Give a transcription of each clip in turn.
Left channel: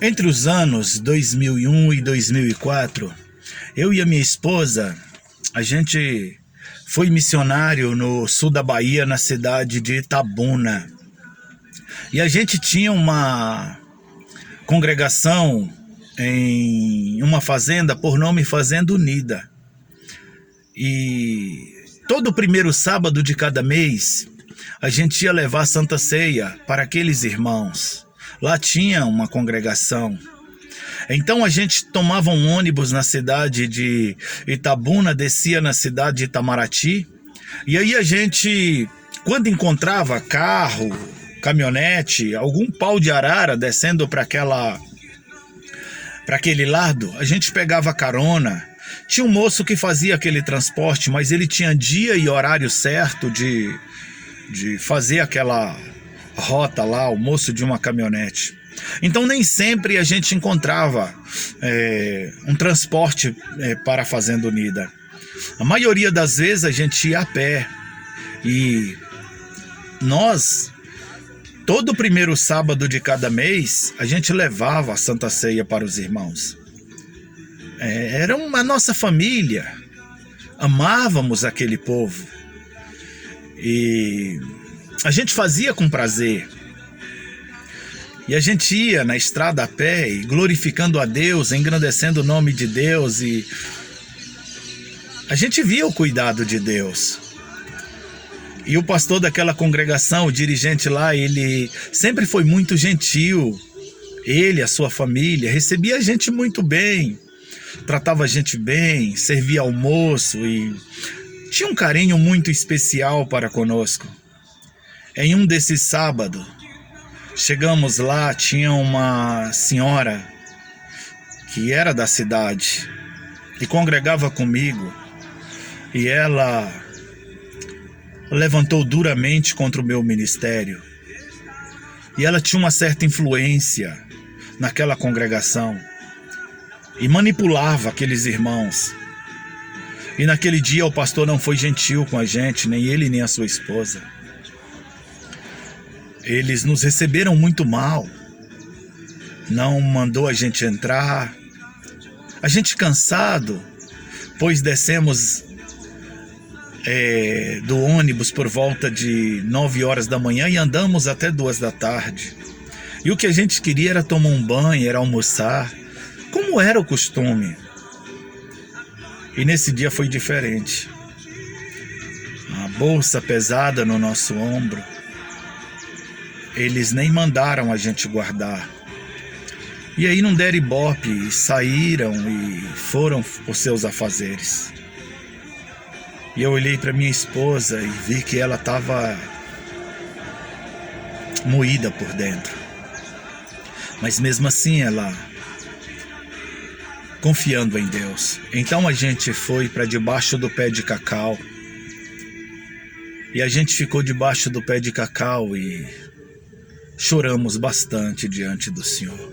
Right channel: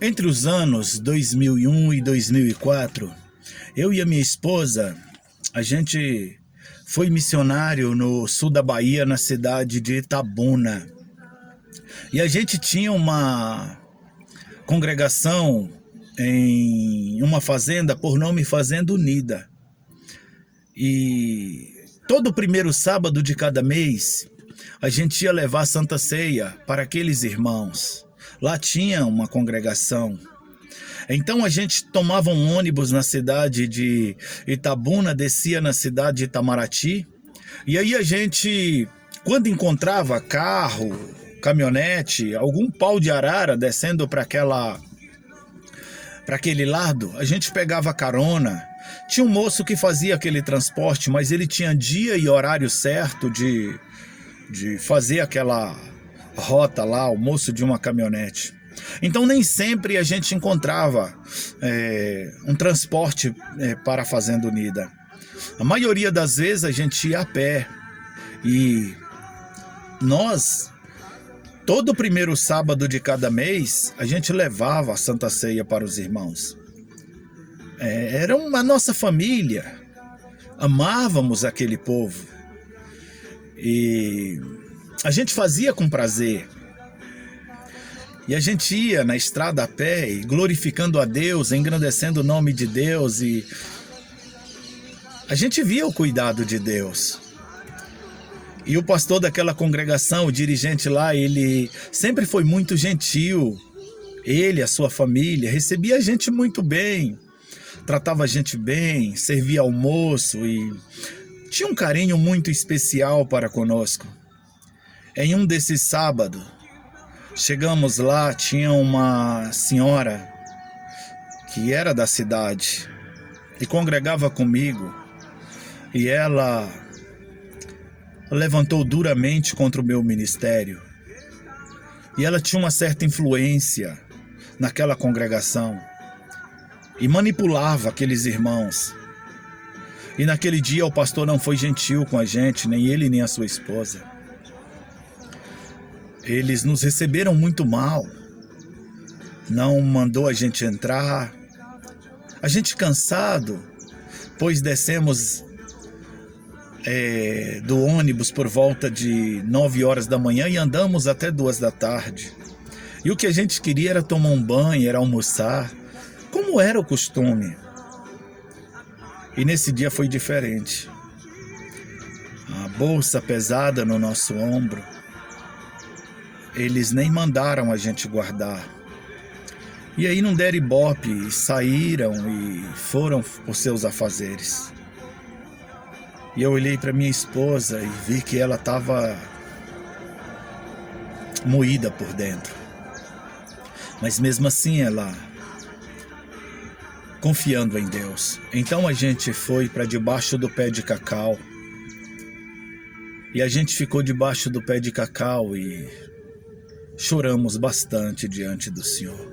Entre os anos 2001 e 2004, eu e a minha esposa, a gente foi missionário no sul da Bahia, na cidade de Itabuna. E a gente tinha uma congregação em uma fazenda por nome Fazenda Unida. E todo primeiro sábado de cada mês, a gente ia levar a Santa Ceia para aqueles irmãos. Lá tinha uma congregação. Então a gente tomava um ônibus na cidade de Itabuna, descia na cidade de Itamaraty. E aí a gente, quando encontrava carro, caminhonete, algum pau de arara descendo para aquele lado, a gente pegava carona. Tinha um moço que fazia aquele transporte, mas ele tinha dia e horário certo de fazer aquela rota lá, o moço de uma caminhonete. Então nem sempre a gente encontrava um transporte para a Fazenda Unida. A maioria das vezes a gente ia a pé. E nós, todo primeiro sábado de cada mês, a gente levava a Santa Ceia para os irmãos. Era a nossa família. Amávamos aquele povo. E a gente fazia com prazer. E a gente ia na estrada a pé, e glorificando a Deus, engrandecendo o nome de Deus. E a gente via o cuidado de Deus. E o pastor daquela congregação, o dirigente lá, ele sempre foi muito gentil. Ele, a sua família, recebia a gente muito bem. Tratava a gente bem, servia almoço e tinha um carinho muito especial para conosco. Em um desses sábados, chegamos lá, tinha uma senhora que era da cidade e congregava comigo. E ela levantou duramente contra o meu ministério. E ela tinha uma certa influência naquela congregação e manipulava aqueles irmãos. E naquele dia o pastor não foi gentil com a gente, nem ele nem a sua esposa. Eles nos receberam muito mal. Não mandou a gente entrar. A gente cansado, pois descemos do ônibus por volta de 9 horas da manhã e andamos até 2 da tarde. E o que a gente queria era tomar um banho, era almoçar, como era o costume. E nesse dia foi diferente. A bolsa pesada no nosso ombro. Eles nem mandaram a gente guardar. E aí não deram ibope, saíram e foram os seus afazeres. E eu olhei para minha esposa e vi que ela estava moída por dentro. Mas mesmo assim ela confiando em Deus. Então a gente foi para debaixo do pé de cacau. E a gente ficou debaixo do pé de cacau e choramos bastante diante do Senhor.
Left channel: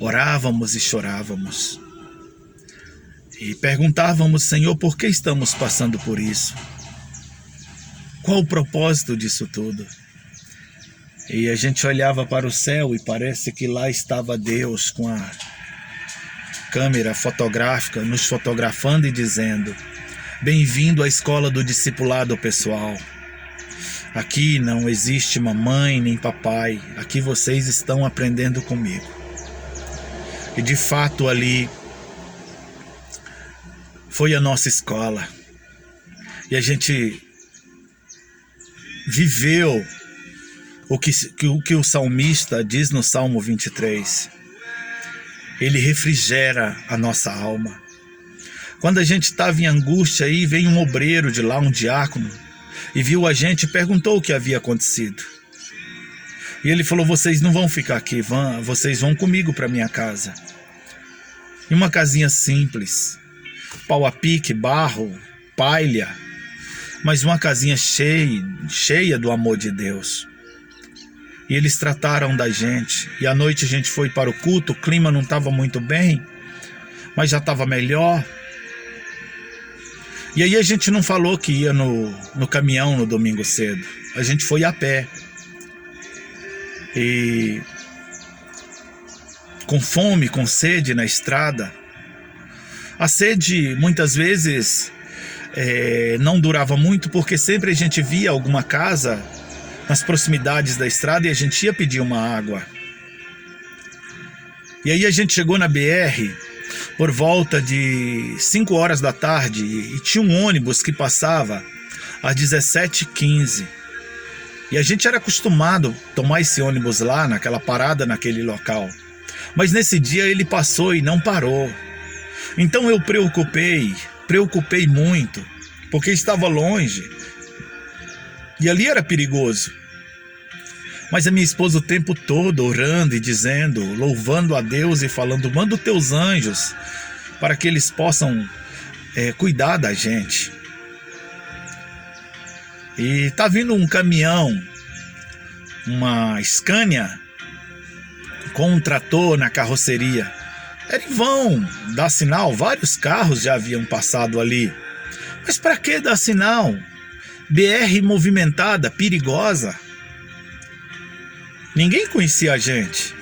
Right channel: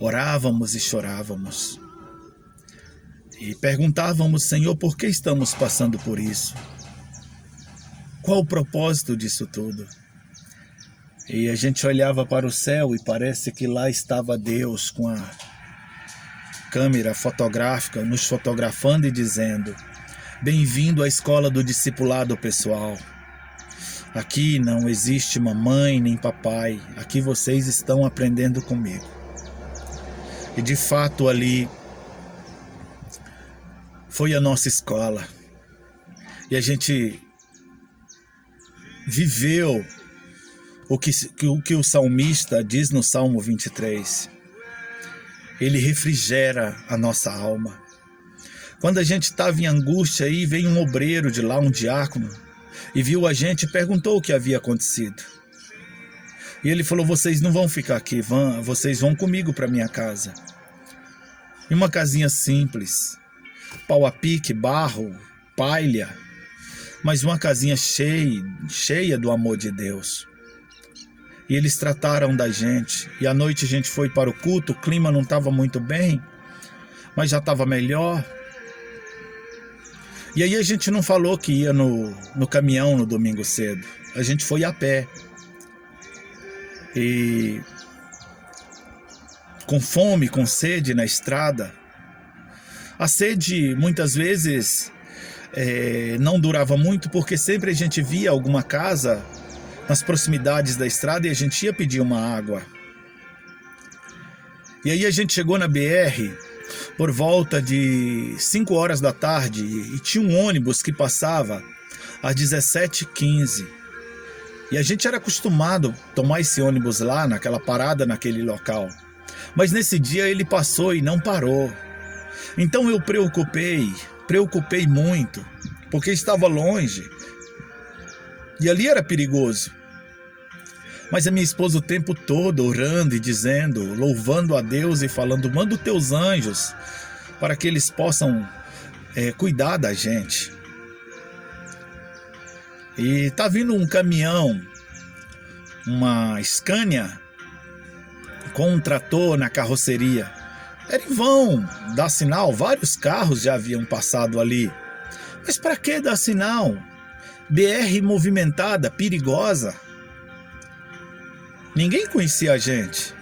Orávamos e chorávamos. E perguntávamos, Senhor, por que estamos passando por isso? Qual o propósito disso tudo? E a gente olhava para o céu e parece que lá estava Deus com a câmera fotográfica nos fotografando e dizendo: bem-vindo à escola do discipulado pessoal. Aqui não existe mamãe nem papai, aqui vocês estão aprendendo comigo. E de fato ali foi a nossa escola. E a gente viveu o que o salmista diz no Salmo 23. Ele refrigera a nossa alma. Quando a gente estava em angústia, aí veio um obreiro de lá, um diácono, e viu a gente e perguntou o que havia acontecido. E ele falou: vocês não vão ficar aqui, vocês vão comigo para minha casa. Em uma casinha simples, pau a pique, barro, palha, mas uma casinha cheia do amor de Deus. E eles trataram da gente. E à noite a gente foi para o culto, o clima não estava muito bem, mas já estava melhor. E aí a gente não falou que ia no caminhão no domingo cedo. A gente foi a pé. E com fome, com sede na estrada. A sede muitas vezes não durava muito, porque sempre a gente via alguma casa nas proximidades da estrada e a gente ia pedir uma água. E aí a gente chegou na BR por volta de 5 horas da tarde e tinha um ônibus que passava às 17h15. E a gente era acostumado a tomar esse ônibus lá, naquela parada, naquele local. Mas nesse dia ele passou e não parou. Então eu preocupei muito, porque estava longe e ali era perigoso. Mas a minha esposa o tempo todo orando e dizendo, louvando a Deus e falando: manda os teus anjos para que eles possam cuidar da gente. E tá vindo um caminhão, uma Scania, com um trator na carroceria. Era em vão dar sinal, vários carros já haviam passado ali. Mas para que dar sinal? BR movimentada, perigosa. Ninguém conhecia a gente.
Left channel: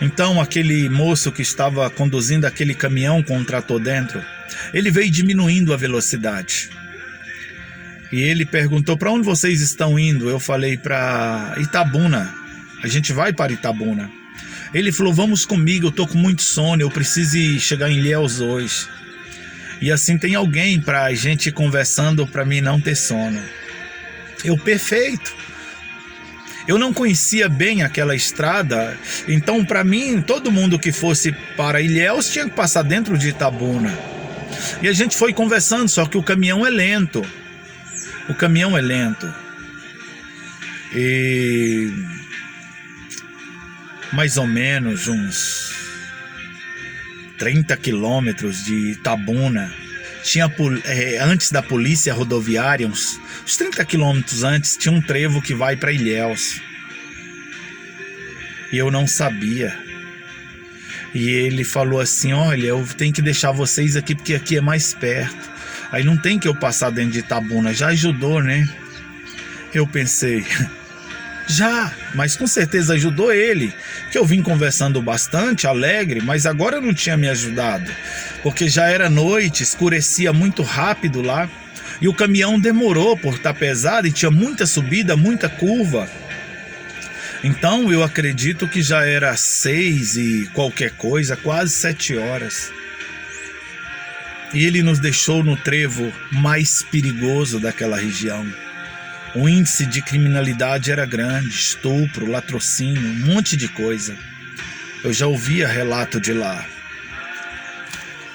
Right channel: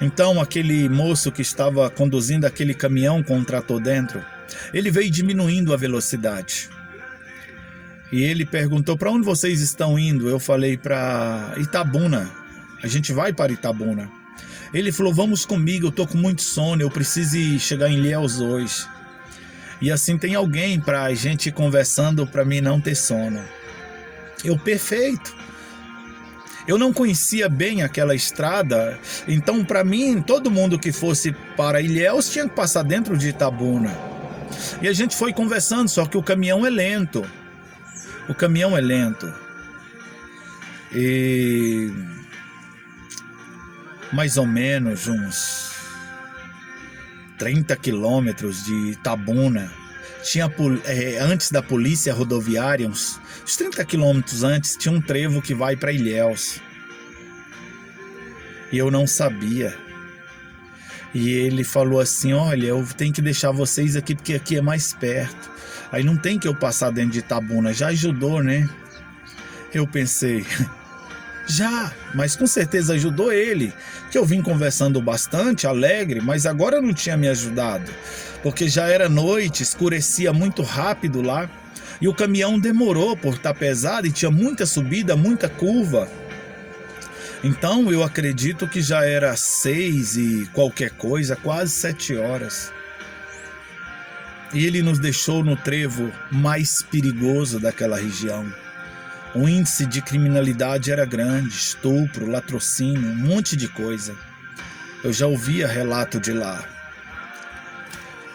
Então aquele moço que estava conduzindo aquele caminhão com um trator dentro, ele veio diminuindo a velocidade. E ele perguntou: para onde vocês estão indo? Eu falei: para Itabuna. A gente vai para Itabuna. Ele falou: vamos comigo, eu tô com muito sono, eu preciso chegar em Ilhéus hoje. E assim tem alguém para a gente ir conversando para mim não ter sono. Perfeito. Eu não conhecia bem aquela estrada, então para mim, todo mundo que fosse para Ilhéus tinha que passar dentro de Itabuna. E a gente foi conversando, só que o caminhão é lento. E mais ou menos uns 30 quilômetros de Itabuna, antes da polícia rodoviária, uns 30 quilômetros antes, tinha um trevo que vai para Ilhéus. E eu não sabia. E ele falou assim: olha, eu tenho que deixar vocês aqui porque aqui é mais perto. Aí não tem que eu passar dentro de Itabuna. Já ajudou, né? Eu pensei, já, mas com certeza ajudou ele, que eu vim conversando bastante, alegre, mas agora não tinha me ajudado, porque já era noite, escurecia muito rápido lá, e o caminhão demorou por estar pesado e tinha muita subida, muita curva. Então eu acredito que já era 6 e qualquer coisa, quase 7 horas. E ele nos deixou no trevo mais perigoso daquela região. O índice de criminalidade era grande, estupro, latrocínio, um monte de coisa. Eu já ouvia relato de lá.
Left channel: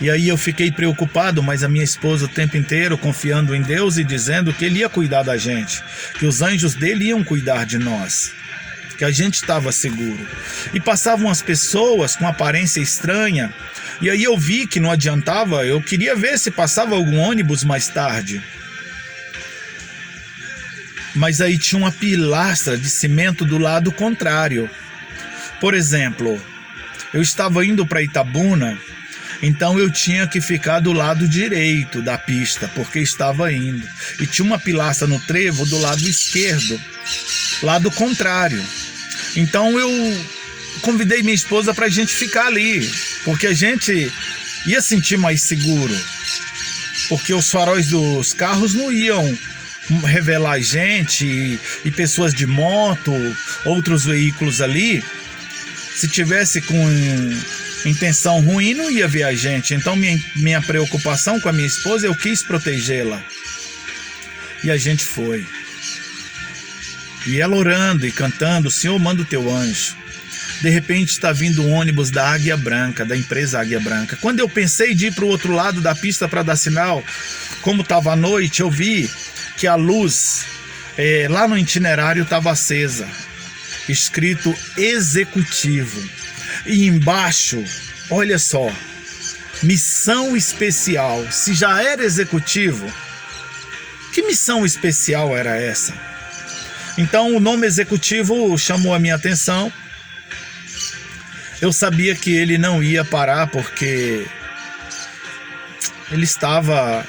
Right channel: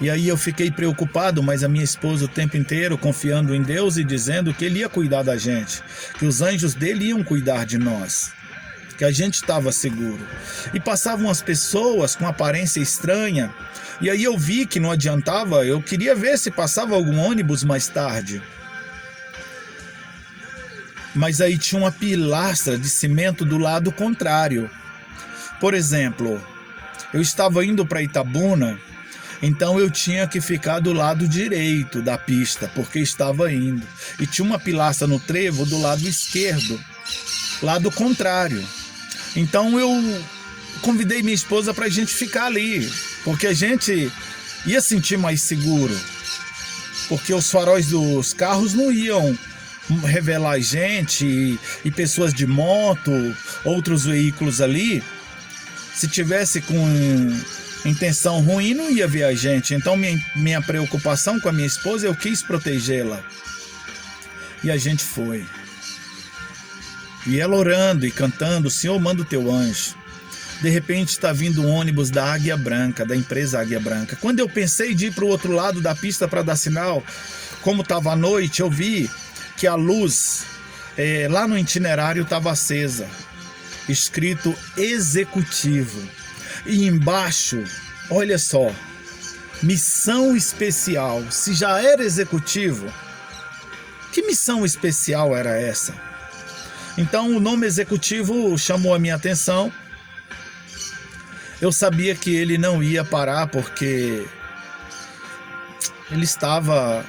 E aí eu fiquei preocupado, mas a minha esposa o tempo inteiro confiando em Deus e dizendo que Ele ia cuidar da gente, que os anjos dele iam cuidar de nós, que a gente estava seguro. E passavam as pessoas com aparência estranha, e aí eu vi que não adiantava, eu queria ver se passava algum ônibus mais tarde. Mas aí tinha uma pilastra de cimento do lado contrário. Por exemplo, eu estava indo para Itabuna, então eu tinha que ficar do lado direito da pista, porque estava indo. E tinha uma pilastra no trevo do lado esquerdo, lado contrário. Então eu convidei minha esposa para a gente ficar ali, porque a gente ia sentir mais seguro, porque os faróis dos carros não iam revelar gente e pessoas de moto, outros veículos ali. Se tivesse com intenção ruim, não ia ver a gente. Então minha preocupação com a minha esposa, eu quis protegê-la. E a gente foi. E ela orando e cantando: Senhor, manda o teu anjo. De repente está vindo um ônibus da Águia Branca, da empresa Águia Branca. Quando eu pensei de ir para o outro lado da pista para dar sinal, como estava à noite, eu vi que a luz lá no itinerário estava acesa, escrito executivo. E embaixo, olha só, missão especial. Se já era executivo, que missão especial era essa? Então o nome executivo chamou a minha atenção. Eu sabia que ele não ia parar, porque ele estava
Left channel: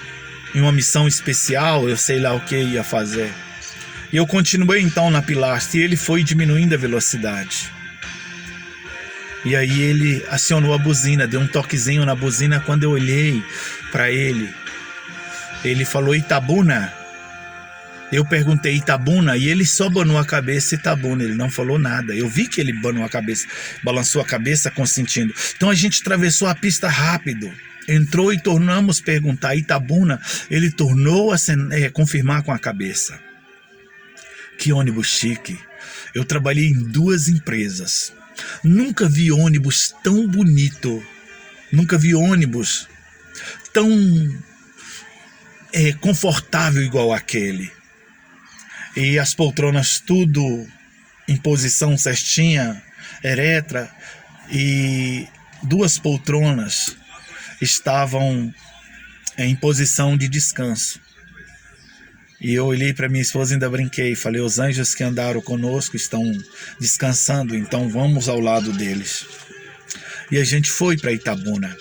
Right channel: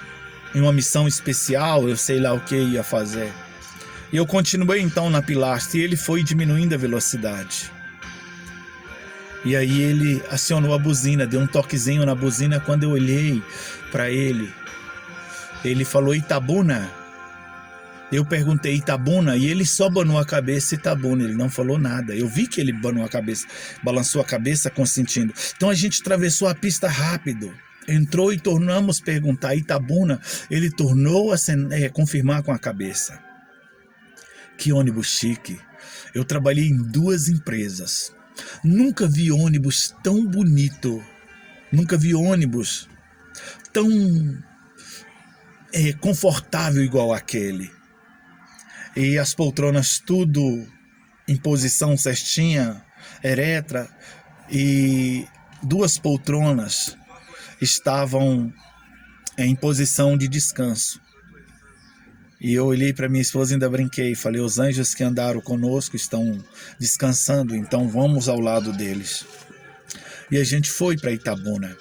em uma missão especial, eu sei lá o que ia fazer. E eu continuei então na pilastra, e ele foi diminuindo a velocidade. E aí ele acionou a buzina, deu um toquezinho na buzina. Quando eu olhei para ele falou Itabuna. Eu perguntei Itabuna e ele só banou a cabeça Itabuna, ele não falou nada. Eu vi que ele banou a cabeça, balançou a cabeça consentindo. Então a gente atravessou a pista rápido, entrou e tornamos perguntar Itabuna, ele tornou a confirmar com a cabeça. Que ônibus chique. Eu trabalhei em 2 empresas. Nunca vi ônibus tão bonito. Nunca vi ônibus tão confortável igual aquele. E as poltronas tudo em posição certinha, eretra, e 2 poltronas estavam em posição de descanso. E eu olhei para minha esposa e ainda brinquei, falei, os anjos que andaram conosco estão descansando, então vamos ao lado deles. E a gente foi para Itabuna.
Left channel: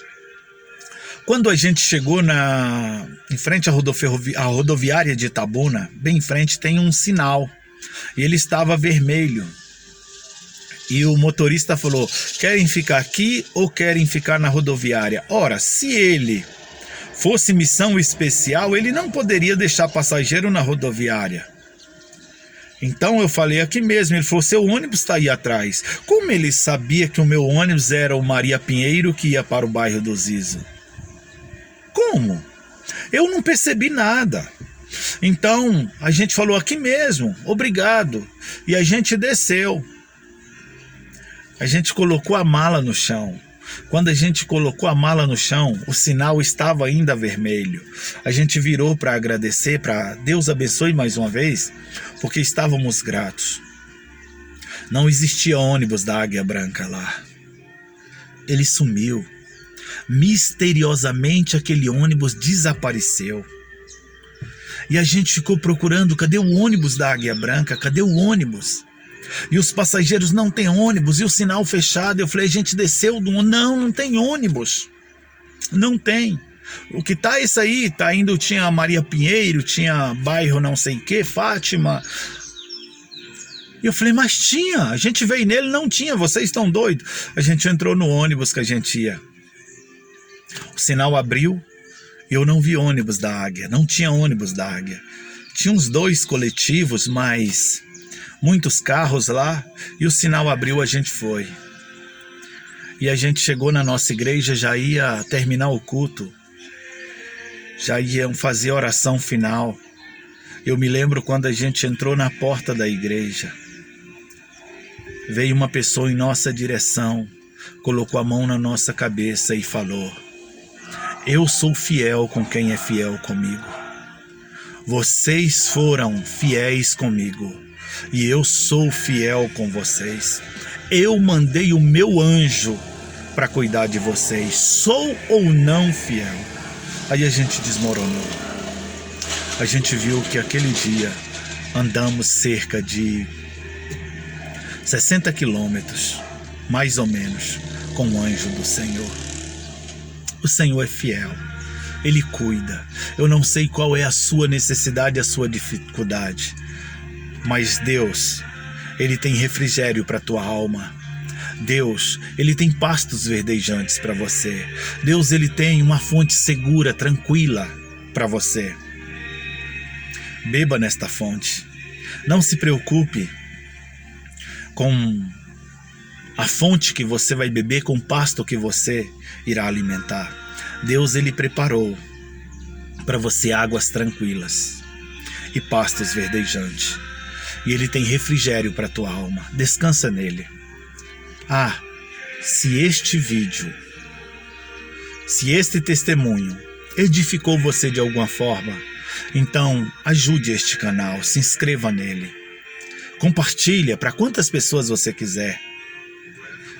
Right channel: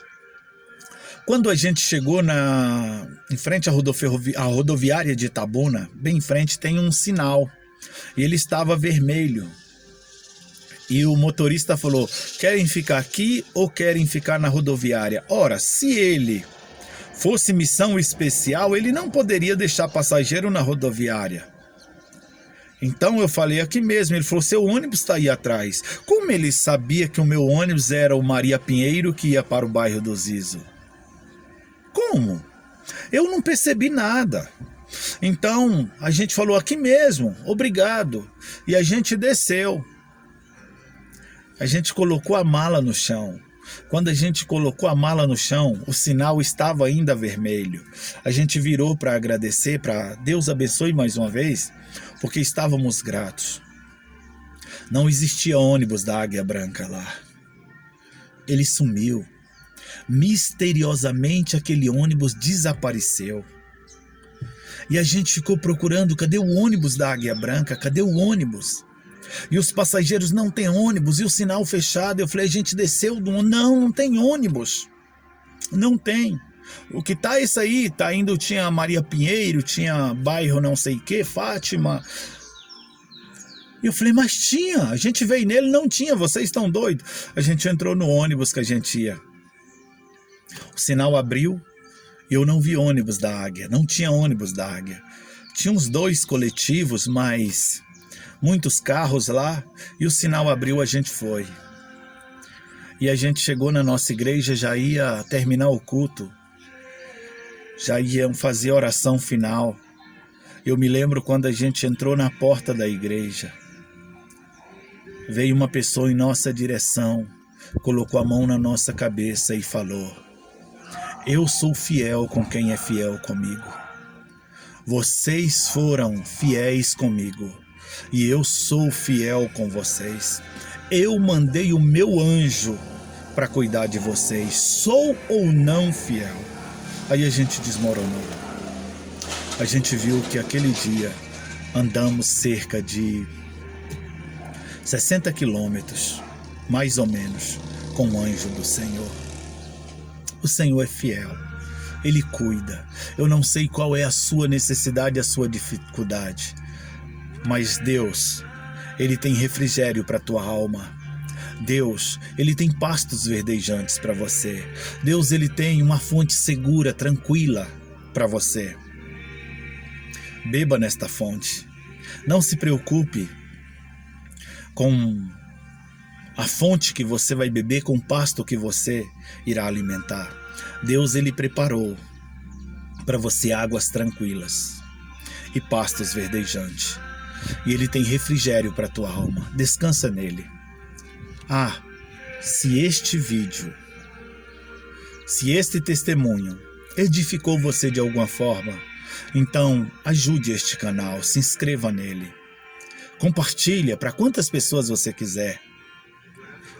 Quando a gente chegou em frente à rodoviária de Itabuna, bem em frente tem um sinal, e ele estava vermelho. E o motorista falou, querem ficar aqui ou querem ficar na rodoviária? Ora, se ele fosse missão especial, ele não poderia deixar passageiro na rodoviária. Então eu falei, aqui mesmo. Ele falou, seu ônibus está aí atrás. Como ele sabia que o meu ônibus era o Maria Pinheiro que ia para o bairro do Zizo? Como? Eu não percebi nada. Então a gente falou, aqui mesmo, obrigado. E a gente desceu. A gente colocou a mala no chão. Quando a gente colocou a mala no chão, o sinal estava ainda vermelho. A gente virou para agradecer, para Deus abençoe mais uma vez, porque estávamos gratos. Não existia ônibus da Águia Branca lá. Ele sumiu. Misteriosamente aquele ônibus desapareceu. E a gente ficou procurando, cadê o ônibus da Águia Branca? Cadê o ônibus? E os passageiros, não tem ônibus, e o sinal fechado. Eu falei, a gente desceu do... Não tem ônibus. Não tem. O que tá isso aí? Tá indo, tinha Maria Pinheiro, tinha bairro não sei o que, Fátima. E eu falei, mas tinha, a gente veio nele, não tinha, vocês estão doidos. A gente entrou no ônibus que a gente ia. O sinal abriu, eu não vi ônibus da Águia, não tinha ônibus da Águia. Tinha uns 2 coletivos, mas muitos carros lá, e o sinal abriu, a gente foi. E a gente chegou na nossa igreja, já ia terminar o culto, já iam fazer a oração final. Eu me lembro quando a gente entrou na porta da igreja, veio uma pessoa em nossa direção, colocou a mão na nossa cabeça e falou, eu sou fiel com quem é fiel comigo. Vocês foram fiéis comigo e eu sou fiel com vocês. Eu mandei o meu anjo para cuidar de vocês. Sou ou não fiel? Aí a gente desmoronou. A gente viu que aquele dia andamos cerca de 60 quilômetros, mais ou menos, com o anjo do Senhor. O Senhor é fiel, Ele cuida. Eu não sei qual é a sua necessidade, a sua dificuldade, mas Deus, Ele tem refrigério para a tua alma. Deus, Ele tem pastos verdejantes para você. Deus, Ele tem uma fonte segura, tranquila para você. Beba nesta fonte. Não se preocupe com a fonte que você vai beber, com o pasto que você irá alimentar. Deus, Ele preparou para você águas tranquilas e pastos verdejantes. E Ele tem refrigério para a tua alma. Descansa nele. Ah, se este vídeo, se este testemunho edificou você de alguma forma, então ajude este canal, se inscreva nele. Compartilha para quantas pessoas você quiser.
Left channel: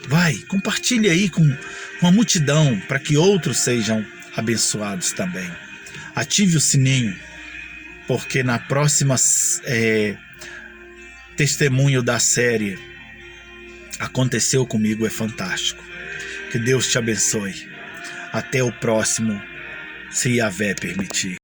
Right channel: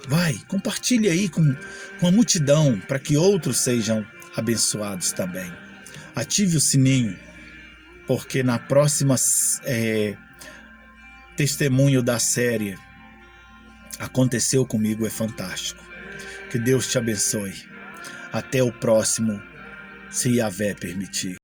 Vai, compartilhe aí com a multidão para que outros sejam abençoados também. Ative o sininho, porque na próxima testemunho da série Aconteceu Comigo é fantástico. Que Deus te abençoe. Até o próximo, se Yahvé permitir.